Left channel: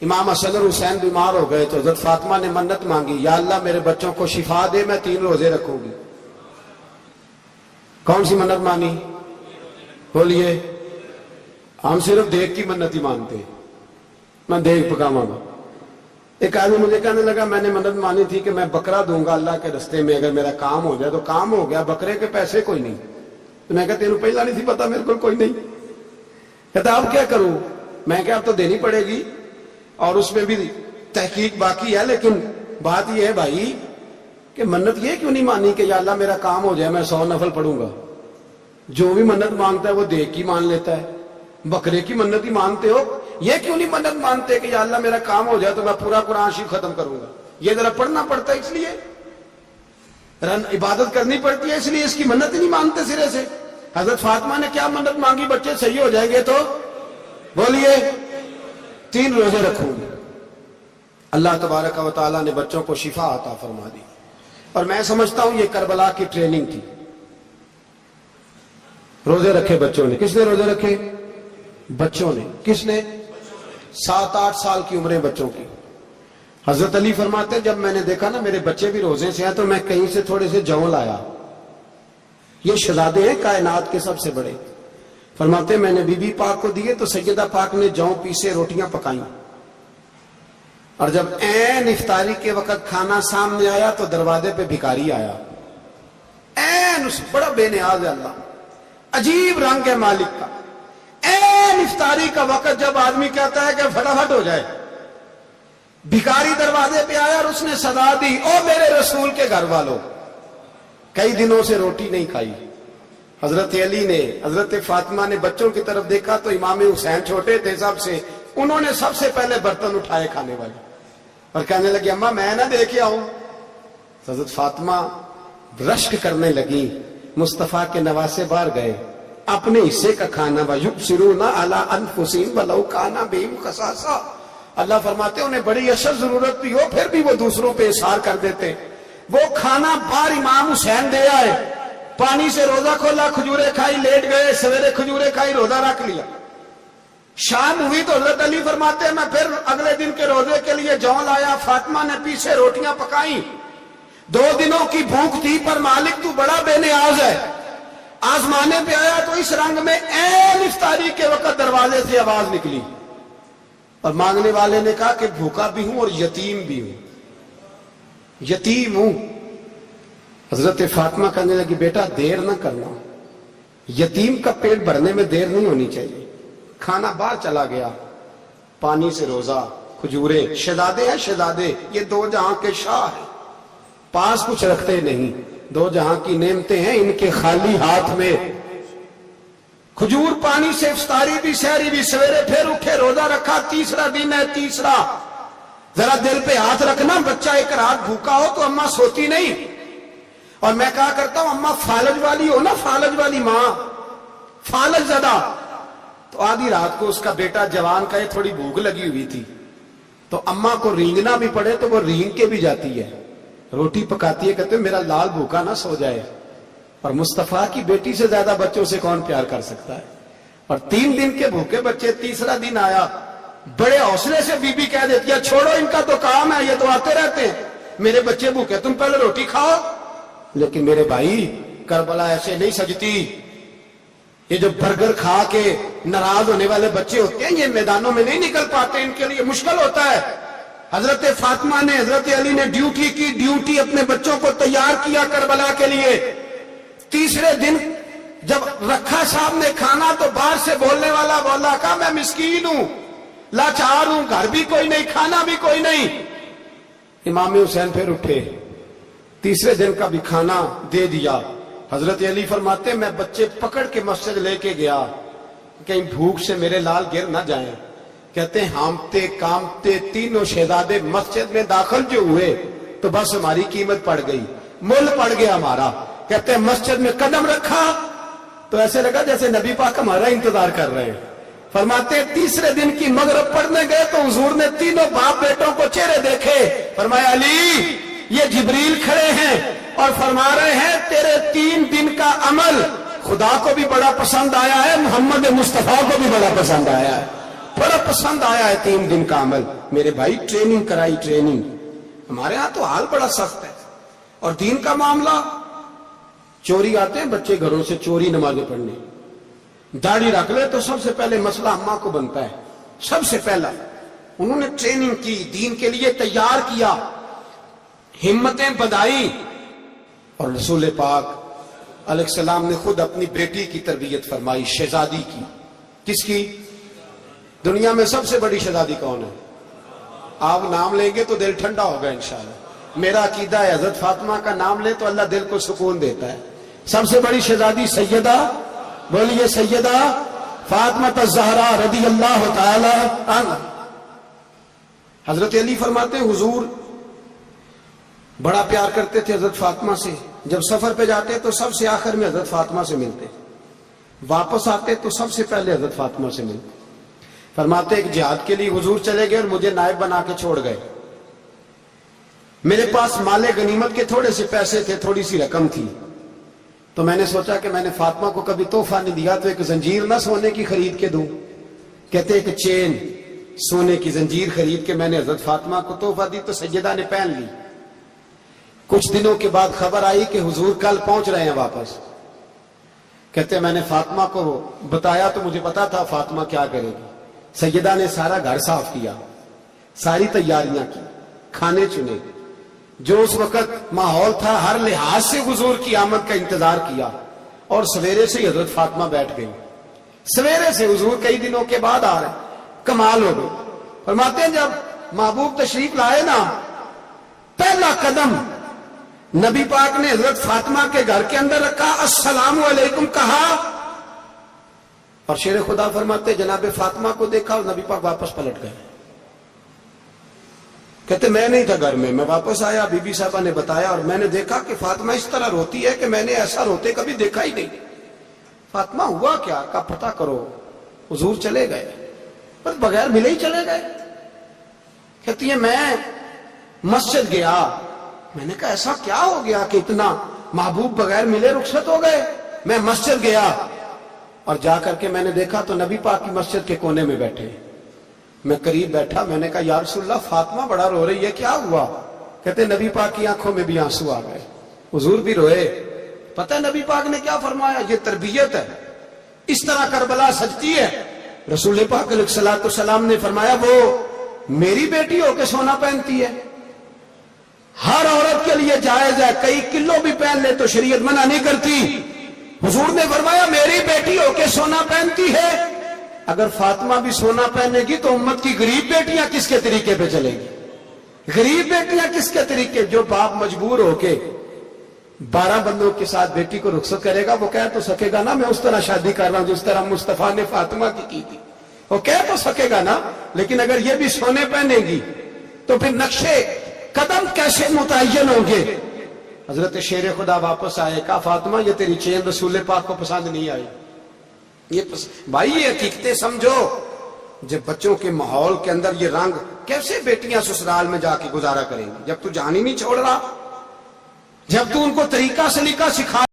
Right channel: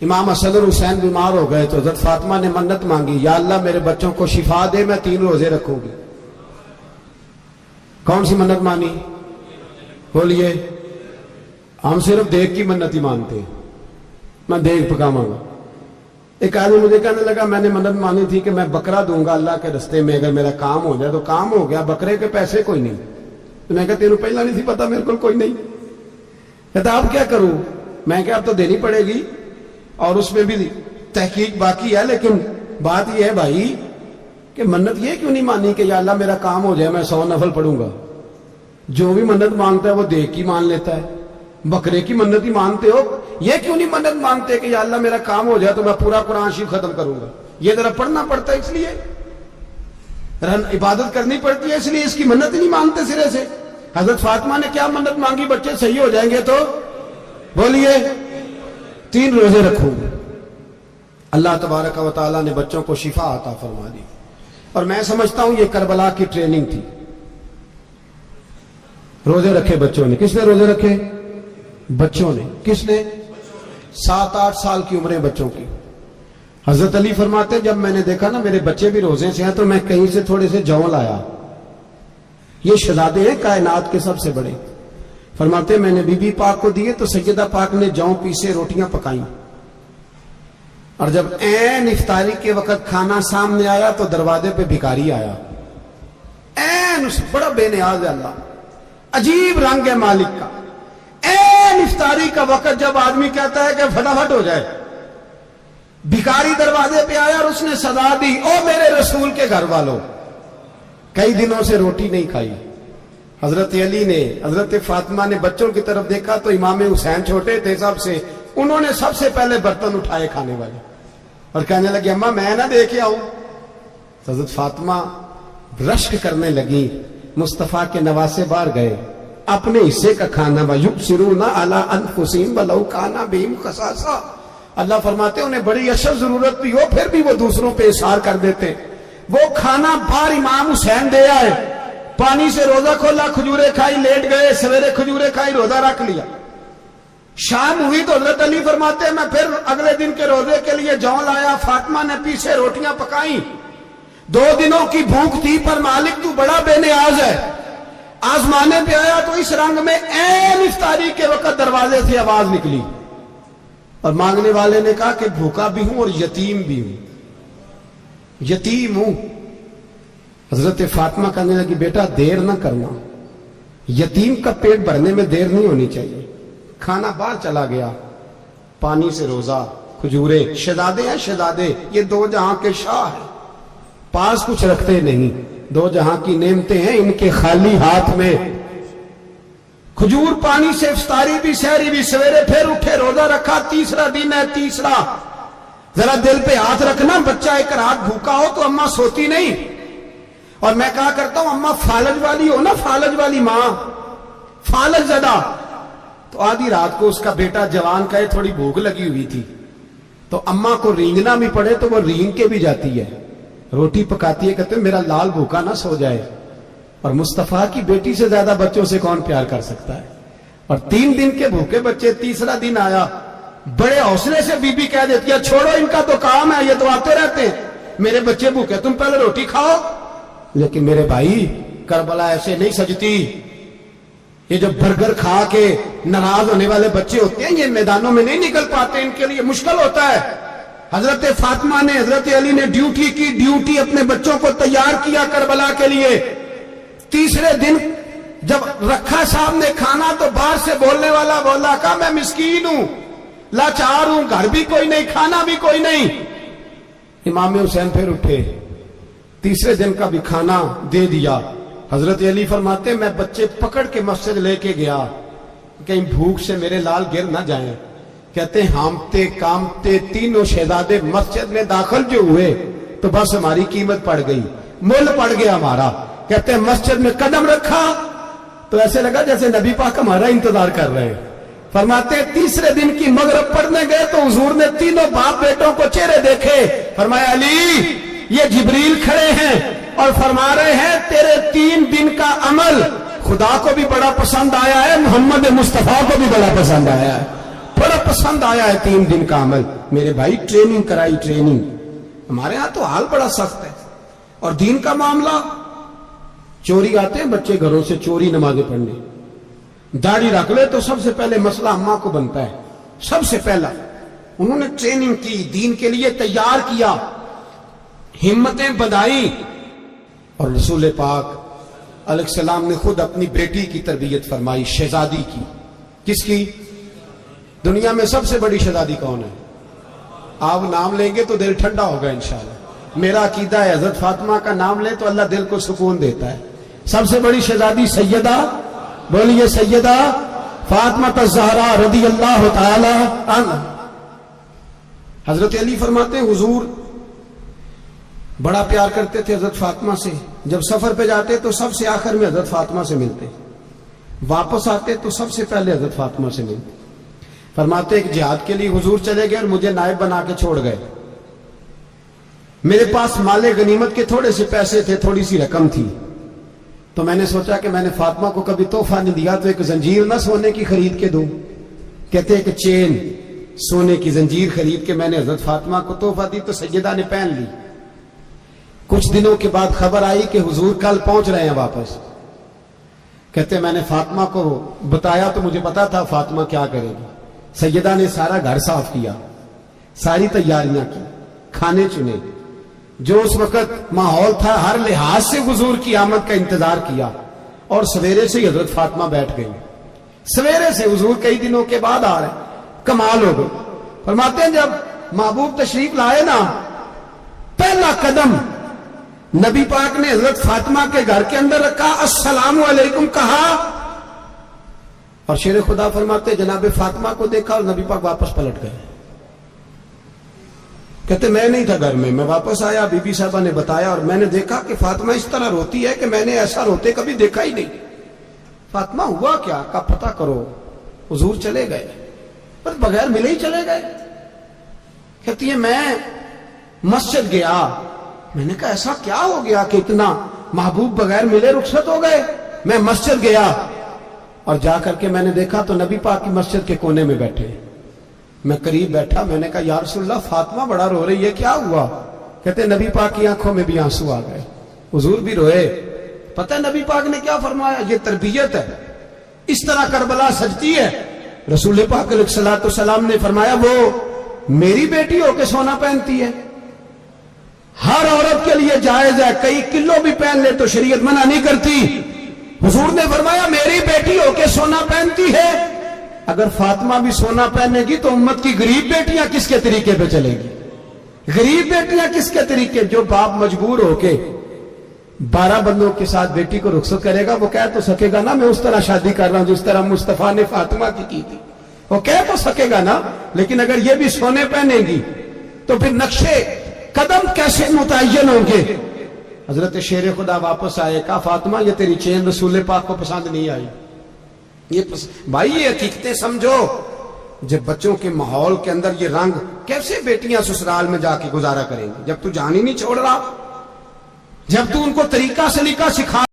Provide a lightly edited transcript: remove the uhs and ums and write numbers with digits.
امام حسن اور حسین بیمار ہو گئے تو حضرت فاطمہ نے منت مانگی، یا اللہ میرے بچوں کو شفا دے، میں 3 روزے رکھوں گی۔ کون سی منت مانی؟ بولیے۔ ہم صرف دیکھ کی منت ہی مانتے ہیں، میں دیکھ پکاواں گا۔ ایک آدمی مجھے کہنے لگا میں نے منت مانی تھی کہ میں بکرا دوں گا اللہ کے رستے میں، اگر میرا کام ہو جائے تو کام ہو گیا، بکرے کے پیسے کوئی نہیں۔ تو میں کہا تینوں پہلا نہیں تھی پتا میرے کو کوئی نہیں؟ کہتا اب کیا کروں؟ میں کہا اب تو دینی پڑے گی، اور اس میں بھی تحقیق باقی ہے، لیکن بات یہ ہے بھائی کہ منت یہ کیوں نہیں مانی کہ یا اللہ میرا کام ہو جائے میں 100 نفل پڑھوں گا؟ جو بھی منت مانگتا ہے وہ دیکھ کی مان لیتا ہے، بکرے کی منت ہی مانتے ہو، یہ کیوں نہیں منت مانتے کہ یا اللہ میرا کام ہو جائے تو میں پورا قرآن شریف ختم کروں گا؟ یہ ذرا پڑھنا پڑتا ہے، اس لیے عبادت کرنی پڑتی ہے، اس لیے اس کی منت ہی نہیں مانتے سرے سے۔ حضرت فاطمہ نے کیا منت مانگی؟ بچے صحیح ہو جائیں گے تو بولیے 3 روزے رکھوں گے۔ اللہ تبارک و تعالیٰ نے بچوں کو شفا عطا فرما دی، اور میں سمجھتا ہوں یہ کربلا کی ٹریننگ تھی۔ روزے رکھے بچوں نے۔ کس نے روزے رکھے؟ بچوں نے۔ کس نے؟ 7-8 سال کی عمریں بچوں کی۔ حضرت علی فرماتے ہیں جب میں نے دیکھا نا میرے بچے بھی روزے سے ہیں تو میں کہیں سے تھوڑے سے جوں لایا۔ یہ شہزادے ہیں کائنات کے سب سے بڑے۔ فرماتے ہیں میں نے بی بی پاک کو دیے تو سیدہ پاک نے جوں پیسے روٹیاں پکائیں، اور جب عین افطاری کے وقت کھانا سامنے آیا تو دروازے پہ بھکاری آیا۔ عین بڑا بے نیاز ہے اللہ، عجیب رنگ ہے مالک کا۔ عین افطاری کا وقت جب آدمی کہتا ہے کہ فٹافٹ ہو جائے، بھکاری دروازے پہ آیا اور اس نے صدا دی، او میرے رسول کے گھر والوں، کئی دنوں سے روٹی نہیں کھائی۔ حضرت علی نے، حضرت فاطمہ نے بچوں کی طرف دیکھا تو امام حسین چھوٹے تھے سب سے، انہوں نے سب سے پہلے برتن اٹھائے کھانے والے، اور کہنے لگے اماں میں نہ دیکھ آؤں۔ حضرت فاطمہ رشک کرنے لگی، مصطفیٰ کے نواسے باہر گئے، اپنے حصے کا کھانا وَيُبْصِرُونَ عَلَىٰ أَنفُسِهِمْ وَلَوْ كَانَ بِهِمْ خَصَاصَةٌ۔ اللہ فرماتے انہیں بڑی اشد ضرورت بھی ہو پھر بھی وہ دوسروں پہ اثار کر دیتے۔ وہ کھانا باہر امام حسین دے آئے، پانی سے روزہ کھولا، کھجورے کھائی، لیٹ گئے، سویرے کھجورے کھائی، روزہ رکھ لیا۔ شام ہوئی تو حضرت علی فرماتے ہیں میں پھر اگلے دن کے روزے کے لیے جوں لایا، فاطمہ نے پیچھے روٹیاں پکائیں۔ 2 دنوں کی بھوک تھی پر مالک تو بڑا بے نیاز ہے۔ آزمانے پہ آیا تو اس رنگ میں عین افطاری کے وقت دروازے سے آواز نکلی، اور مانگنے والے نے کہا کہ بھوکا بھی ہوں اور یتیم بھی ہوں، یتیم ہوں۔ حضرت فاطمہ کہنے لگی بیٹا دیر نہ کرنا، یتیم کا پیٹ بھرنے میں دیر نہیں ہونی چاہیے۔ کھانا باہر چلا گیا، پانی سے روزہ، کھجورے، شہزادے ہیں شہزادے، یہ 2 جہاں کے شاہ ہیں، پاس کچھ رکھتے نہیں، 2 جہاں کی نعمتیں ہیں ان کے خالی ہاتھ میں۔ کھجور پانی سے افطاری بھی، سحری بھی، سویرے پھر اٹھے، روزہ رکھا، تیسرا دن ہے، تیسرا۔ ذرا دل پہ ہاتھ رکھنا، بچہ ایک رات بھوکا ہو تو اماں سوتی نہیں، اور میں کہا کرتا ہوں اماں فالج والی ہو نا، فالج والی ماں، فالج زدہ، تو آدھی رات کو اس کا بیٹا جوان کا تھوڑی بھوک لگی ہوئی تھی، تو اماں کو رینگنا بھی پڑے تو وہ رینگ کے بھی جاتی ہے، روٹی پکاتی ہے، کہتے ہیں میرا لال بھوکا نہ سو جائے۔ اور مصطفیٰ کی بیٹی سے زیادہ بچوں سے کون پیار کر سکتا ہے؟ اور 3 دن کے بھوکے بچے، تیسرا دن آیا، بڑے حوصلے سے بی بی کہہ دیتی ہے چھوڑو ان کا تو کام ہے، یہ تو آتے رہتے ہیں، میرے بچے بھوکے تم پہلے روٹی کھاؤ۔ لیکن میرے بھائی کربلا ایسے نہیں سجتی۔ یہ جو برگر کھا کے ناراض ہونے والے بچے ہوتے ہیں یہ میدانوں میں نہیں نکل پاتے، ان کے لیے مشکل ہوتا ہے۔ حضرت فاطمہ نے، حضرت علی نے ڈیوٹی کی، ڈیوٹی اپنے بچوں کو تیار کیا کربلا کے لیے۔ تیسرے دن جب رکھا صاحب نے کھانا تو باہر سے بولنے والا بولا کہا میں مسکین ہوں، لاچار ہوں، گھر بھی کوئی نہیں، کھانا بھی کوئی نہیں۔ امام حسین پھر اٹھے، تیسرے دن کا بھی کھانا دے دیا۔ حضرت علی فرماتے ہیں میں بچے پکڑ کے مسجد لے کے گیا، کہیں بھوک سے میرے لال گر نہ جائیں۔ کہتے ہیں ہامتے کامتے تینوں شہزادے مسجد میں داخل جو ہوئے تو بس ہماری قیمت پڑ گئی، مول پڑ گیا ہمارا۔ کہتے ہیں مسجد میں قدم رکھا تو ایسے لگا جیسے نبی پاک ہمارا انتظار کر رہے ہیں۔ فرماتے ہیں تیسرے دن کی مغرب پڑھنے گئے تو حضور نے تینوں باپ بیٹوں کو چہرے دیکھے، فرمایا علی یہ جبریل کھڑے ہیں اور فرما رہے ہیں تیرے 3 دن کا عمل خدا کو بھی بڑا پسند آیا ہے، محمد مصطفیٰ کو بھی بڑا پسند آیا ہے۔ بڑا پسند آیا ہے 3 دن کا عمل. میرے بھائی ٹریننگ کرائی, ٹریننگ. ہمارے ہاں تو حال بڑا سخت ہے. اور دین کا معاملہ, چوری آتے ہیں بچے گھروں سے چوری نمازیں پڑھنے, داڑھی رکھ لے تو سب سے پہلے مسئلہ اماں کو بنتا ہے. سب سے پہلا انہوں نے ٹریننگ کی, دین کے لیے تیار کیا, ہمتیں بدھائی. اور رسول پاک علیہ السلام نے خود اپنی بیٹی کی تربیت فرمائی, شہزادی کی. کس کی؟ دنیا میں سب سے بڑی شہزادی کون ہے؟ آپ نام لیں گے تو دل ٹھنڈا ہوگا انشاءاللہ. میرا عقیدہ ہے حضرت فاطمہ کا نام لے تو اللہ دل کو سکون دیتا ہے. سب سے بڑی شہزادی سیدہ, بولیے سیدہ فاطمہ الزہرا رضی اللہ تعالی عنہ. حضرت علی فرماتے ہیں حضور بڑا پیار کرتے تھے حضرت فاطمہ سے. جب سفر پہ جاتے تو سب سے آخر میں حضرت فاطمہ سے ملتے, واپس آتے تو سب سے پہلے حضرت فاطمہ سے ملتے. فرماتے ایک جہاد کے لیے حضور چلے گئے اور مجھے نائب بنا کے چھوڑ گئے. میرے پاس مال غنیمت کے تھوڑے سے پیسے تھے, تھوڑی سی رقم تھی, تو میں نے سوچا کہ میں نے فاطمہ کو کبھی تحفہ نہیں دیا تو ایک زنجیر نہ سونے کی خرید کے دوں. کہتے ہیں کہ چین سونے کی زنجیر خرید کے میں نے حضرت فاطمہ کو تحفہ دی تو سیدہ نے پہن لی. کچھ دنوں کے بعد خبر آئی کہ حضور کل پہنچ رہے ہیں واپس. کہتے میں نے فاطمہ کو بتایا تو مجھے پتا تھا فاطمہ کیا کرے گی. سیدہ نے سارا گھر صاف کیا, ساری تیاریاں کی, کھانے چنے, جو اس وقت ماحول تھا ہر لحاظ سے حضور کی آمد کا انتظار کیا. اور سویرے سے ہی حضرت فاطمہ بیٹھ گئی. سویرے سے حضور کئی دنوں کے بعد آ رہے, کمال ہو گئی. فرماتے ہیں جب محبوب تشریف لائے نا, پہلا قدم نبی پاک نے حضرت فاطمہ کے گھر کے اندر رکھا, السلام علیکم کہا, اور شیر خدا فرماتے جناب فاطمہ کو دیکھا اور نبی پاک واپس پلٹ گئے. کہتے میں نہیں تھا گھر میں واپس آیا, بی بی صاحبہ نے بتایا اور میں نے دیکھا کہ فاطمہ اس طرح روتی ہے کہ میں نے ایسا روتے کبھی دیکھا ہی نہیں. فاطمہ ہوا کیا؟ کا پتہ کرو. حضور چلے گئے پر بغیر ملے ہی چلے گئے. کہتی ہے میں مسجد گیا, میں نے کہا ایسا کیا ہو گیا کہ اتنا محبوب بغیر ملے رخصت ہو گئے. میں مسجد گیا اور جا کر کے میں نے دیکھا تو نبی پاک کی مسجد کے کونے میں بیٹھے. میں قریب بیٹھا, میں نے کہا یا رسول اللہ فاطمہ بڑا رو رہی ہے, کیا ہوا؟ کہتے نبی پاک کی آنکھوں میں بھی آنسو آ گئے, حضور بھی روئے. پتہ ہے نبی پاک نے کیا فرمایا؟ یہ تربیت ہے, اس طرح کربلا سجتی ہے. رسول پاک علیہ الصلوۃ والسلام نے فرمایا وہ میری بیٹی ہو کے سونا پہنتی ہے. ہر عورت کے لیے جائز ہے, کئی کلو بھی پہن لے تو شریعت منع نہیں کرتی. حضور نے فرمایا میری بیٹی ہو کے سونا پہنتی ہے. اگر فاطمہ بھی سونا پہنے گی تو امت کی غریب بیٹیاں کس کے طریقے پہ چلیں گی؟ غریب بیٹیاں کس کے طریقے؟ جو باپ مجبور ہو کے 12 بندوں کے ساتھ بیٹی کو رخصت کرے گا وہ کہہ تو سکے گا نا میں اس طرح شادی کر رہا ہوں جس طرح مصطفیٰ نے فاطمہ کی تھی, وہ کہہ تو سکے گا نا. لیکن اگر یہ بھی سونے پہنے گی تو پھر نقشے قدم کیسے متعین ہوں گے؟ حضرت شیر خدا واپس آئے, کہا فاطمہ یہ تیری چین رسول پاک کو پسند نہیں آئی. بھائی یہ حقیقتیں سمجھو. جب بچوں کے ماحول کے اندر یہ رنگ, کیسے بیٹیاں سسرال میں جا کے گزارا کریں گی جب تو جان ہی نہیں چھوڑ رہا, جب تو ان کو طریقہ سلیقہ سکھا